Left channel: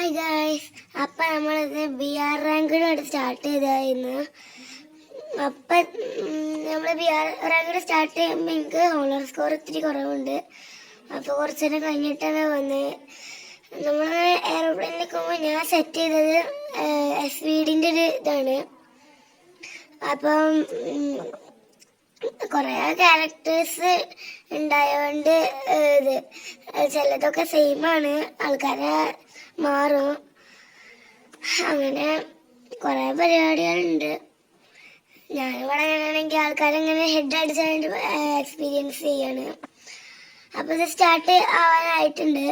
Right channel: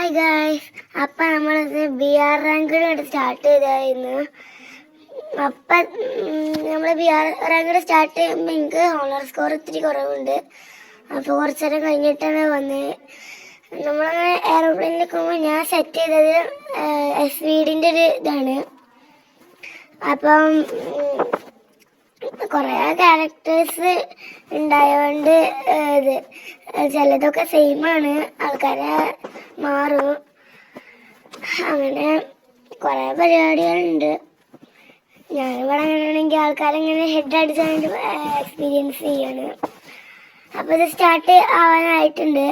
Hi guys, അപ്പം നമ്മളിത് BR റാങ്കോട് start ചെയ്തായിരുന്നു. അപ്പം നമ്മൾ BR റാങ്കോട് സ്റ്റാർട്ട് ചെയ്യുമ്പോൾ എനിക്ക് ഓണർ സ്കോർ ഇത്തിരി കുറവുണ്ട്. അപ്പോൾ കുറച്ച് നേരം കഴിഞ്ഞിട്ടാണ് വന്നത്. നമ്മൾ എയർപ്ലെയിനിൽ നിൽക്കുമ്പോൾ ഞാൻ സെറ്റ് ചെയ്തത് SVDൻ്റെ ഒരു ഇതാണ്. അപ്പം കുറേ ക്യാരക്ടേഴ്സ് ഉണ്ടായതുകൊണ്ട് ഇത് ചിലതൊക്കെ സെയിമാണ്, ആൾക്കാരെ മാറും. അങ്ങനെ കുറേ പരിപാടികളുണ്ട്. ഞാനിവിടെ ആണെങ്കിൽ ആൾക്കാരിങ്ങനെ ഹെഡ് അടിച്ച് എക്സ്പീരിയൻസ് ചെയ്യാണ്. അപ്പോൾ ഇത് സ്റ്റാർട്ട് ആവാനായിട്ടുണ്ട്.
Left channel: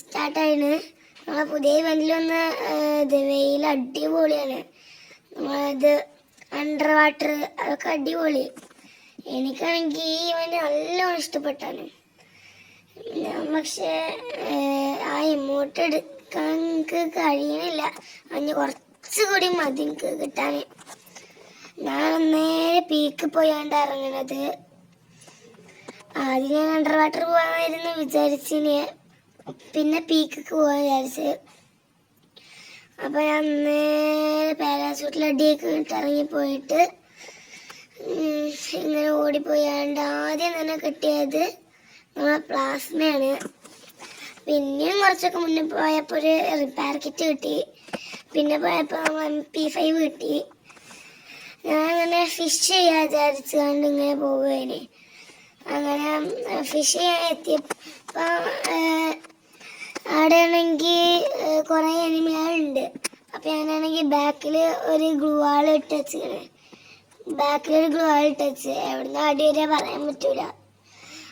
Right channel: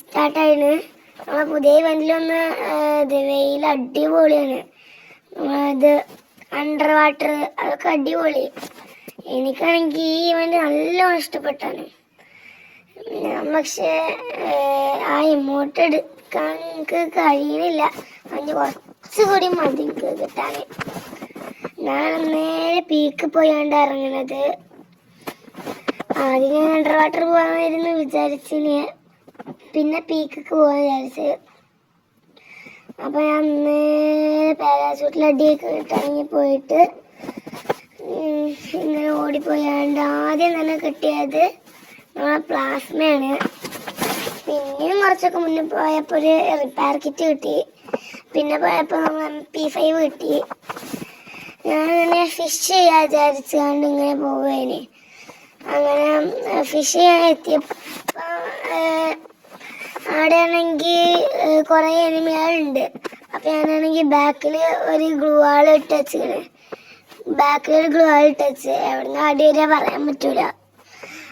സ്റ്റാർട്ടായിന് നമ്മളെ പുതിയ ഇവൻറ്റിലൊന്ന് ഇത് വെയിൽ അടിപൊളിയാണ്. നമ്മളത് അണ്ടർ വാട്ടർ അതൊക്കെ അടിപൊളി. എനിക്കാണെങ്കിൽ ഈ ഇവന്റ് നല്ലോണം ഇഷ്ടപ്പെട്ടാണ്. ഞാൻ പക്ഷേ ആ ഇമോട്ട് എടുക്കാൻ എനിക്ക് കഴിയണില്ല. അതിന് കുറച്ചുകൂടി മതി എനിക്ക് കിട്ടാൻ. ഞാൻ നേരെ പീക്ക് പോയാണ്ട് ഇറങ്ങുന്നത്. ആദ്യം ഞാൻ അണ്ടർ വാട്ടർ പോകാനായിരുന്നു വിചാരിച്ചിന്, പിന്നെ പീക്ക് പോകാൻ വിചാരിച്ചത്. അപ്പൊ ഞാൻ നേരെ പാരാഷൂട്ടിലടിയൊക്കെ കിട്ടാണെങ്കിൽ പോയിട്ട് ഇങ്ങനെ ഓടിപ്പോയാണ്ട് ആദ്യം തന്നെ കിട്ടിയത് നമ്മളെ പ്ലാസ്മയാണ്. പിന്നെയും കുറച്ചൊക്കെ മുന്നേ പോയപ്പോൾ ഒരു റിപ്പയർ കിറ്റ് കിട്ടി. പിന്നെ പോയപ്പോൾ നമ്മൾ MP5 കിട്ടി. ഞാനങ്ങനെ ഫിഷ് ചെയ്യാൻ വിചാരിച്ചുകൊണ്ട് ഇങ്ങനെ പോവുകയാണ്. അങ്ങനെ ഫിഷ് ചെയ്യാൻ എത്തിയപ്പോൾ അവിടെ ആണെങ്കിൽ കുറേ എനിമികളുണ്ട്. അപ്പം ഞാനാണെങ്കിൽ ബാക്കിൽ ഒരു ഗ്ലൂ വാൾ ഇട്ട് വെച്ചിങ്ങനെ, ബാക്കിലൊരു ഗ്ലൂ വാൾ ഇട്ട് വെച്ച് എവിടുന്ന് അടി വരെ പറയാൻ പറ്റൂല.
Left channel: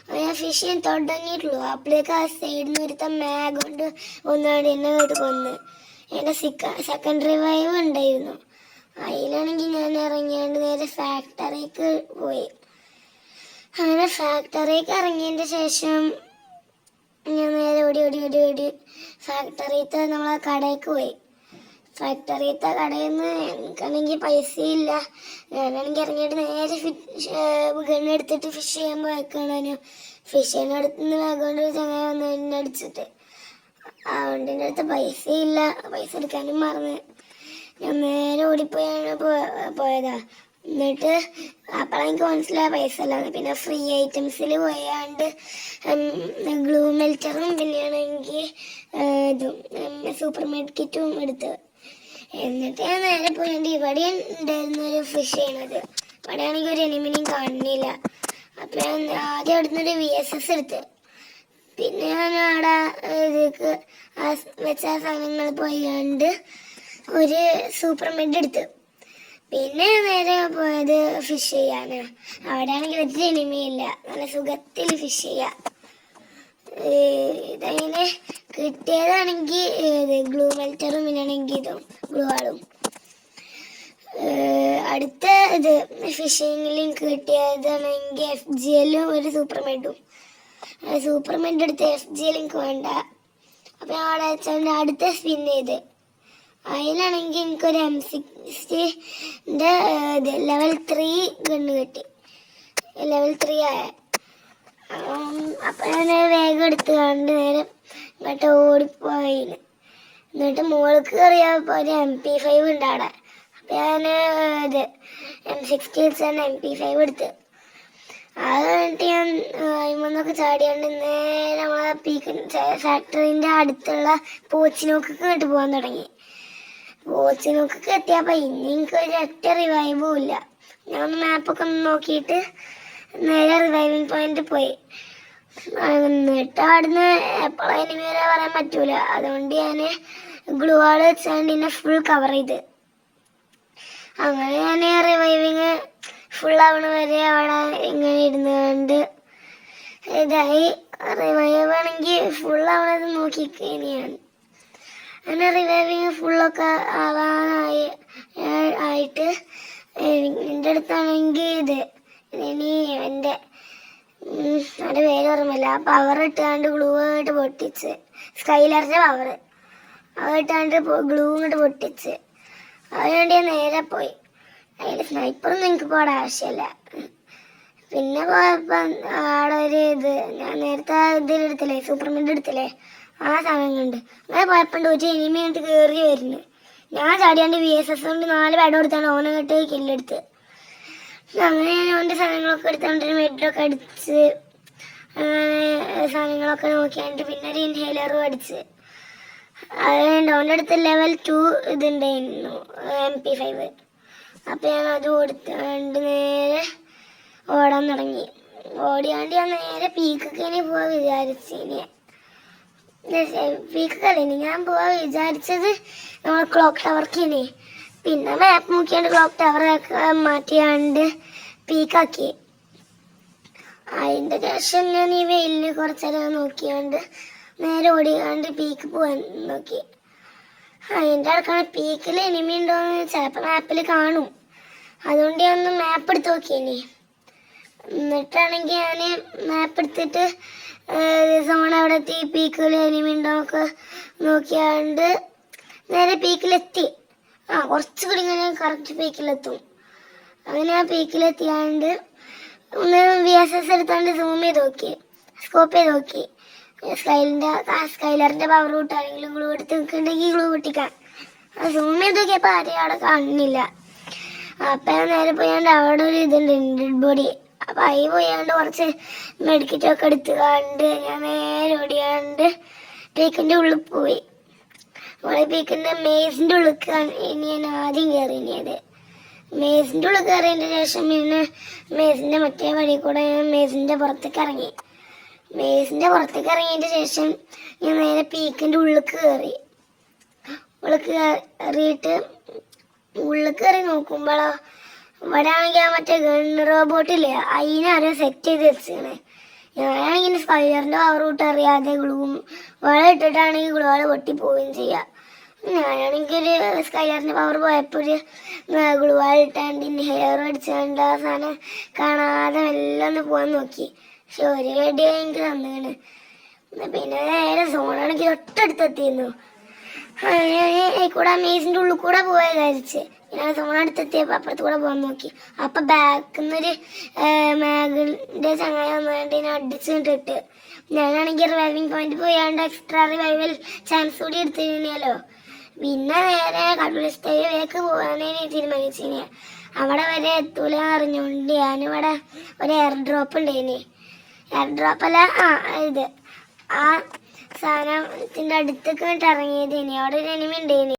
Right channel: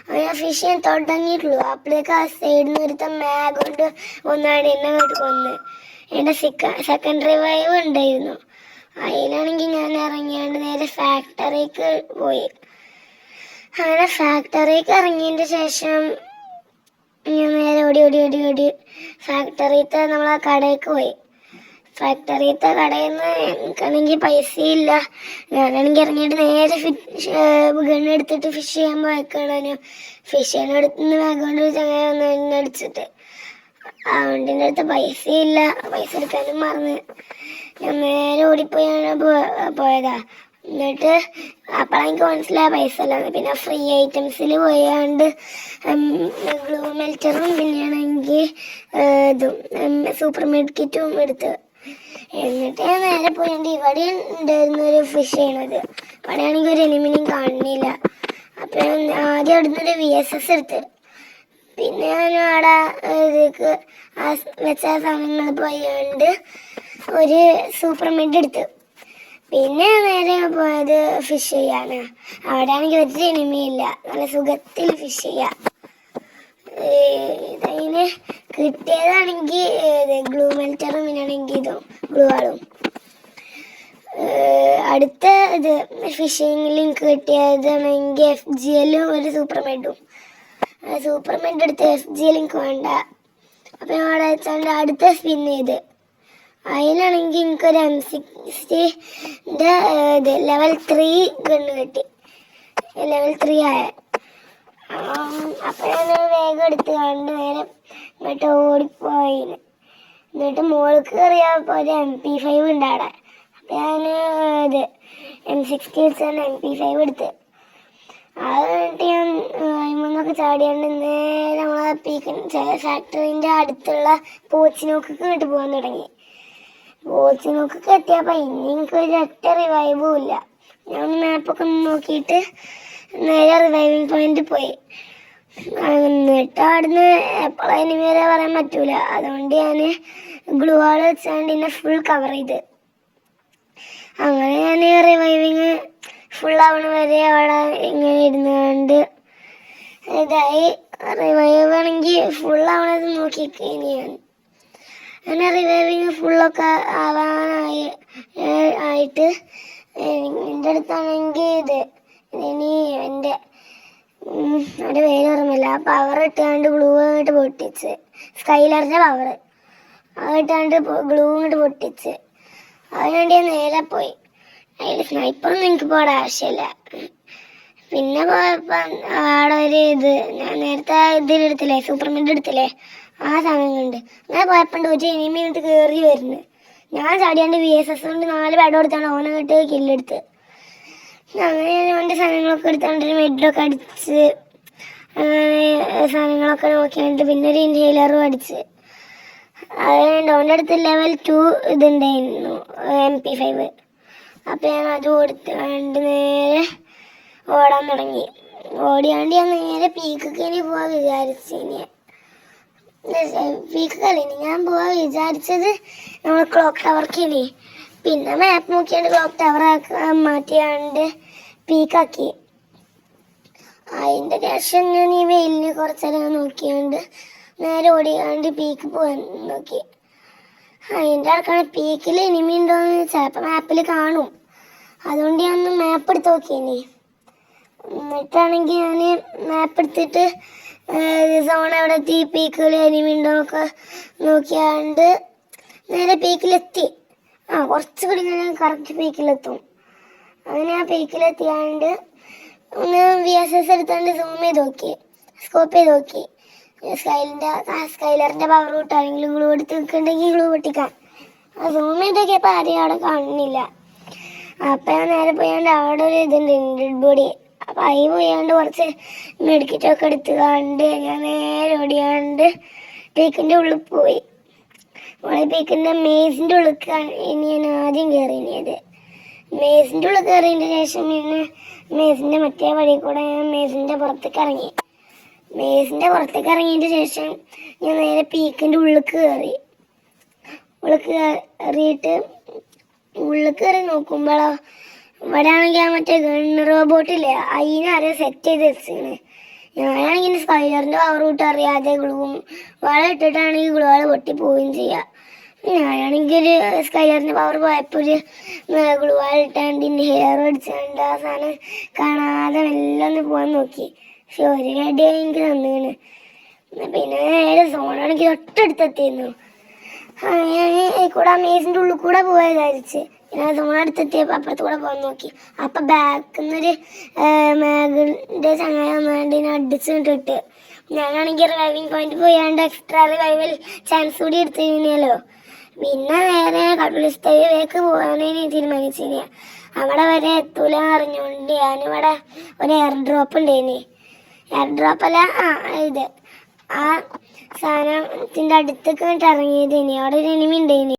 അപ്പോൾ ഞാൻ ഫിഷ് ചെയ്യാൻ തുടങ്ങിയിട്ടുള്ളൂ. അപ്പോഴേക്ക് ആ സൈഡിൽ നിന്ന് ഒരുത്തം മാഗ് കൊണ്ട് ഒന്നാടി എന്നെ കേട്ട് കൊന്ന്. എൻ്റെ സെക്കൻഡ് റിവൈവ് ഉണ്ടായിരുന്നു. അതിലാണെങ്കിൽ ഞാൻ ഇറങ്ങിയാണ്ട് നേരെ ഫാക്ടറിക്ക് പോയി. അങ്ങനെ ഫാക്ടറിക്ക് ഇറങ്ങിയതിൻ്റെ ശേഷം ഞാൻ നേരെ ഓടി ഫാക്ടറിത്തെ നമ്മളെ കടയിലേക്ക് പോയി. ഫാക്ടറിത്തെ കടയിൽ നിന്ന് എനിക്കാണെങ്കിൽ പൈസയില്ല. ഞാനാണെങ്കിൽ ഇറങ്ങിയിട്ട് നേരെ ഗണ്ണെടുത്തിട്ട് ഫിഷ് ചെയ്യാൻ പോയിക്കാണാനും ഫിഷ് ചെയ്യാനടുത്ത് വാഗോണ്ട് ചങ്ങനെ ഒന്ന് അടിച്ചിട്ട് അതുകൊണ്ട് എൻ്റെ അടുത്ത് പൈസയില്ല. പൈസ എടുക്കാനും മറന്ന് ഞാൻ നേരെ ഓടിപ്പോയാണ് പോയതാ. എന്നിട്ട് അപ്പോഴാണ് എനിക്ക് മനസ്സിലായ പൈസ അല്ലാന്ന്. പിന്നെ ഫ്രീ ഐറ്റംസിൽ പോയാണ്ട് ഗ്ലൂ മെൽറ്ററും പിന്നെയാണെങ്കിൽ ഇതും സൂപ്പർ മെഡ് കിറ്റും എടുത്ത്. എന്നിട്ട് ഞാൻ നേരെ പോയാണ്ട് ഇവിടെ ഉണ്ടായിരുന്ന ഒരു ഫിഷ് ചെയ്യണത്. അവിടെയാണെങ്കിൽ ഒരു എനിമിനെയും കാണുന്നില്ല. അപ്പം ഞാൻ ആദ്യം അവിടുന്ന് ഒരു VSS എടുത്ത്. പിന്നെ ഞാൻ അവിടെ ഇതിലേക്ക് ആ വെച്ച സാധനങ്ങൾ പോയാണ്ട് ഒരു സൂപ്പർ മെഡ് എടുത്ത്. പിന്നെ നേരെ പോയത് ഫിഷ് ചെയ്യാണ്. അവിടെ ആണെങ്കിൽ ഒരു എനിമിയില്ല. നല്ല സുഖത്തിൽ ഫിഷ് ചെയ്യാം. ഇതതിന് കിട്ടിയതാണെങ്കിൽ ഗ്ലൂ മെൽറ്ററും പിന്നാണെങ്കിൽ ഇതും ഗ്ലൂ വാളും. അടുത്ത ഇത് ഫിഷിങ്ങിൽ കിട്ടിയതാണെങ്കിൽ FGLും ഒരു സൂപ്പർ മെഡും. സൂപ്പർ മെഡ് എടുത്ത് FGL എനിക്ക് വേണ്ട. അപ്പം ഞാൻ അവിടെ വെച്ചാൽ അടുത്ത സ്പിൻ ചെയ്ത് അതിലാണെങ്കിൽ എനിക്കൊരു M60ൻ്റെ ഇത് ലെവൽ 3 ഗണ്ണ് കിട്ടി. ലെവൽ 3 ആയ. അപ്പോൾ ഞാൻ വേഗം എടുത്ത് കണ്ട് നേരെ ഇങ്ങോട്ട് ഓടിപ്പോയിന്. എന്നിട്ട് മോൾക്ക് കയറിയപ്പോൾ ഒരു MP5 ഉണ്ട് അവിടെ. അപ്പം ഞാൻ ഇത് M60 വെച്ചാൽ MP5 എടുത്ത്. അത് കഴിഞ്ഞിട്ട് ഞാൻ ഇമ്മന്നൊക്കെ ചാടിയാണ്ട് നേരെ നമ്മളെ ഫാക്ടറിൻ്റെ അടുത്തുള്ള പൂച്ചിനോക്കൊക്കെ കേട്ട് പോകാൻ തുടങ്ങി. പൂച്ചിനോക്കൊക്കെ എത്തിയപ്പോൾ ഇനി എനിക്ക് ഒരൊറ്റ റിവൈവും ഇല്ല. ഞാൻ മാപ്പൊക്കെ ഒന്ന് നോക്കിയിട്ട് നേരെ റിവൈവിങ് പോയിന്റ് പോയി. എന്നിട്ട് അവിടുന്ന് എപ്പോഴും ഇനി വരെ പറയാൻ പറ്റൂല. അതുകൊണ്ട് ഞാൻ ഗ്ലൂ വാൾ വെച്ചുകൊണ്ട് എന്നെ ഫുൾ കവർ ചെയ്ത്. അങ്ങനെ ഞാൻ റിവൈവിങ് ഫുൾ ആവണ വരെ അവിടെ ഇങ്ങനെ ഇരുന്നുകൊണ്ട് ഇതായി. റിവൈവ് ആണെങ്കിൽ ഫുൾ ആവണത് നോക്കിക്കഴിഞ്ഞ് ഞാൻ അങ്ങനെ റിവൈവിങ് ഫുള്ളൊക്കെ ആയിട്ട് എൻ്റെ അടുത്താണെങ്കിൽ ഇത് ഇനി എൻ്റെ പേര് ഓർമ്മയില്ല. പവർ ഇട്ടാണ്ട് ഗ്ലൂ ആയിട്ട് പൊട്ടിച്ച്, സ്കൈലറിൻ്റെ പവർ അതിട്ടാണ്ട് ഗ്ലൂ ആയിട്ട് പൊട്ടിച്ച് അതുകൊണ്ട് ഞാൻ നേരെ പോയി. അതിൽ സ്നൈപ്പറൊന്നും എനിക്ക് പോകാൻ ആവശ്യമില്ല. പിന്നെ പോയപ്പോൾ അവിടെ ഒരു ഇത് ഞാൻ നേരത്തെ ഇതിലെടുത്തില്ലേ, സൂപ്പർ മെഡ് എടുത്തില്ലേ, ആ സാധനം കണ്ട് അങ്ങനെ പോയപ്പോണ്ട് ഒരു ഇനിമി ഇങ്ങോട്ട് കയറി വരുന്നു. ഞാൻ ചാടിയാണ്ട് VSS കൊണ്ട് 4 പേട കൊടുത്താണ് ഓനെ കേട്ട് കില്ലെടുത്ത്. അങ്ങനെ ഞാൻ അവൻ്റെ സാധനങ്ങളൊക്കെ എടുത്തോണ്ട് മെഡലൊക്കെ അടിച്ച് അങ്ങനെ സാധനങ്ങളൊക്കെ നോക്കിയിട്ട് പിന്നെ ഒരു ഇൻഹേലറും അടിച്ച്. അത് ഓൻ്റെ അടുത്ത് ലെവൽ 2 ഇതുണ്ടായിരുന്നു MP5. അപ്പം ഞാൻ അത് കൊടുത്തുകൊണ്ട് നേരെ ഓടാൻ തുടങ്ങി. ഓടിയാണ്ട് ഞാൻ നേരെ പീക്കൊക്കെ പോവാൻ വിചാരിച്ചിനി. പീക്കല്ലേ ഞാൻ പോവാൻ വിചാരിച്ചത് നമ്മൾ ക്ലോക്ക് ടവർക്കില്ലേ. പിന്നെ മാപ്പ് നോക്കിയാണ്ട് ക്ലോക്ക് ടവർ മാറ്റിയാണ്ട് പീക്കാക്കി. അതിൻ്റെ ശേഷം ഞാൻ ഈ വെയിലിന് കുറച്ചേരം നോക്കിയാണ്ട് നേരെ ഓടിയാണ്ട് പീക്ക് പോകാൻ നോക്കി. അതിൻ്റെ ഇടക്കാണ് പീക്കിൽ എനിമി ഉണ്ടോയെന്ന് ചിലപ്പോൾ മാപ്പിൽ കാണും. അതുകൊണ്ട് ഞാൻ ഒന്ന് മാപ്പ് എടുത്ത് നോക്കിയിനി. എന്നിട്ടാണെങ്കിൽ ഞാൻ മാപ്പ് എടുത്തിട്ട് സോൺ എവിടെ എത്തി, പീക്കിൽ എനിമി ഉണ്ടോന്നൊക്കെ നോക്കിയാണ്ട് നേരെ പീക്കിലെത്തി. കുറച്ച് കൂടി ഞാൻ കറക്റ്റ് പീക്കിലെത്തും. അങ്ങനെ ആ പീക്കിലെത്തിയാണ്ട് ഒന്ന് VSS എടുത്താണ്ട് സൂം ചെയ്ത് നോക്കി, സ്കോപ്പ് ചെയ്ത് നോക്കി. സ്കൈലറിൻ്റെ പവർ വിട്ടാണെങ്കിലും ഗ്ലൂ എടുത്ത് നിൽക്കുന്നുണ്ടെങ്കിൽ ഗ്ലൂ പൊട്ടിക്കാൻ. സൂം ചെയ്ത് നോക്കിയപ്പോൾ ആരെയും അവിടെ കാണുന്നില്ല. അപ്പം ഞാൻ നേരെ പോയാണ്ട് അവിടെ ഒരു ഇതുണ്ട് ഡെഡ് ബോഡി. അപ്പം അതിൽ പോയാണ്ട് കുറച്ച് മെഡിക്കറ്റൊക്കെ എടുത്ത് കണ്ട് ഞാൻ നേരെ ഓടിയാണ്ട് പീക്കിൻ്റെ ഉള്ളിൽ പോയി. നമ്മളെ പീക്കിൻ്റെ മേസിൻ്റെ ഉള്ളിൽ ഇനി ഞാൻ ആദ്യം കയറിയത്. മേസിൻ്റെ ഉള്ളിൽ കയറിയതിൻ്റെ ശേഷം പിന്നെ മേസിൻ്റെ മറ്റേ വഴി കൂടെ ഞാൻ മേസിൻ്റെ പുറത്തേക്ക് ഇറങ്ങി. മേസിൻ്റെ പുറത്തേക്ക് ഇറങ്ങിയതിൻ്റെ ശേഷം ഞാൻ നേരെ പീക്കിൻ്റെ ഉള്ളിൽ കയറി. ഉള്ളിൽ കയറി നോക്കുമ്പോഴോ ഇവിടെ ആണെങ്കിൽ ആ മറ്റേ ഗൺ റോബോട്ടില്ലേ അതിനാരോ സെറ്റ് ചെയ്ത് വെച്ചിരുന്നു. ഞാനാണെങ്കിൽ സ്കൈലറിൻ്റെ പവർ വിട്ട് അറിയാതെ ഗ്ലൂവും വള ഇട്ടിട്ടാണെങ്കിൽ ഗ്ലൂവാൾ പൊട്ടിപ്പോവുകയും ചെയ്യാം. ഞാനാണെങ്കിൽ ഒരു സ്കൈലറിൻ്റെ പവർ പോയപ്പോൾ ഒരു ഗ്ലൂവാൾ ഇട്ടാണ്ട് ഹെയർ അടിച്ചാണ്ട് ആ സാധനം കാണാതെ വെള്ളം ഒന്ന് പോകാൻ നോക്കി. പക്ഷെ ഒരു അടിയായി എനിക്ക് തന്നിങ്ങനെ. പിന്നെ നേരെ സോണാണെങ്കിൽ തൊട്ടടുത്തെത്തിയിരുന്നു. കൂടെ ആ മേസിൻ്റെ ഉള്ളിൽ കൂടെ പോകാൻ വിചാരിച്ച് പിന്നെ സോണടുത്തെത്തിയപ്പോൾ അപ്പുറത്ത് കൂടെ പോകാൻ നോക്കി. അപ്പം ബാക്കിൽ നിന്നൊരു മാഗിൻ്റെ ചങ്ങായി വന്നാണ്ട് അടിച്ചിട്ട് ഞാനാണെങ്കിൽ റിവൈവിങ് പോയിന്റ് പോയാണ്ട് എക്സ്ട്രാ റിവൈവൽ ചാൻസ് കൂടി എടുത്തു കഴിഞ്ഞാലോ. പിന്നെ നേരെ കടലിലേക്ക് പോകാനേ തീരുമാനിച്ചിനി. അവിടെ വരെ എത്തൂലെന്ന് അറിഞ്ഞുകൊണ്ട് ഞാനിവിടെ ഒരു എയർ ഡ്രോപ്പ് ഉണ്ടായിനി. എയർ ഡ്രോപ്പല്ല, ഇത് ആ സാധനത്തിൻ്റെ അടുത്തേക്ക് ഇറങ്ങിയത്. ഇനി അവിടെ ഒരു എനിമി ഉണ്ടായിനി.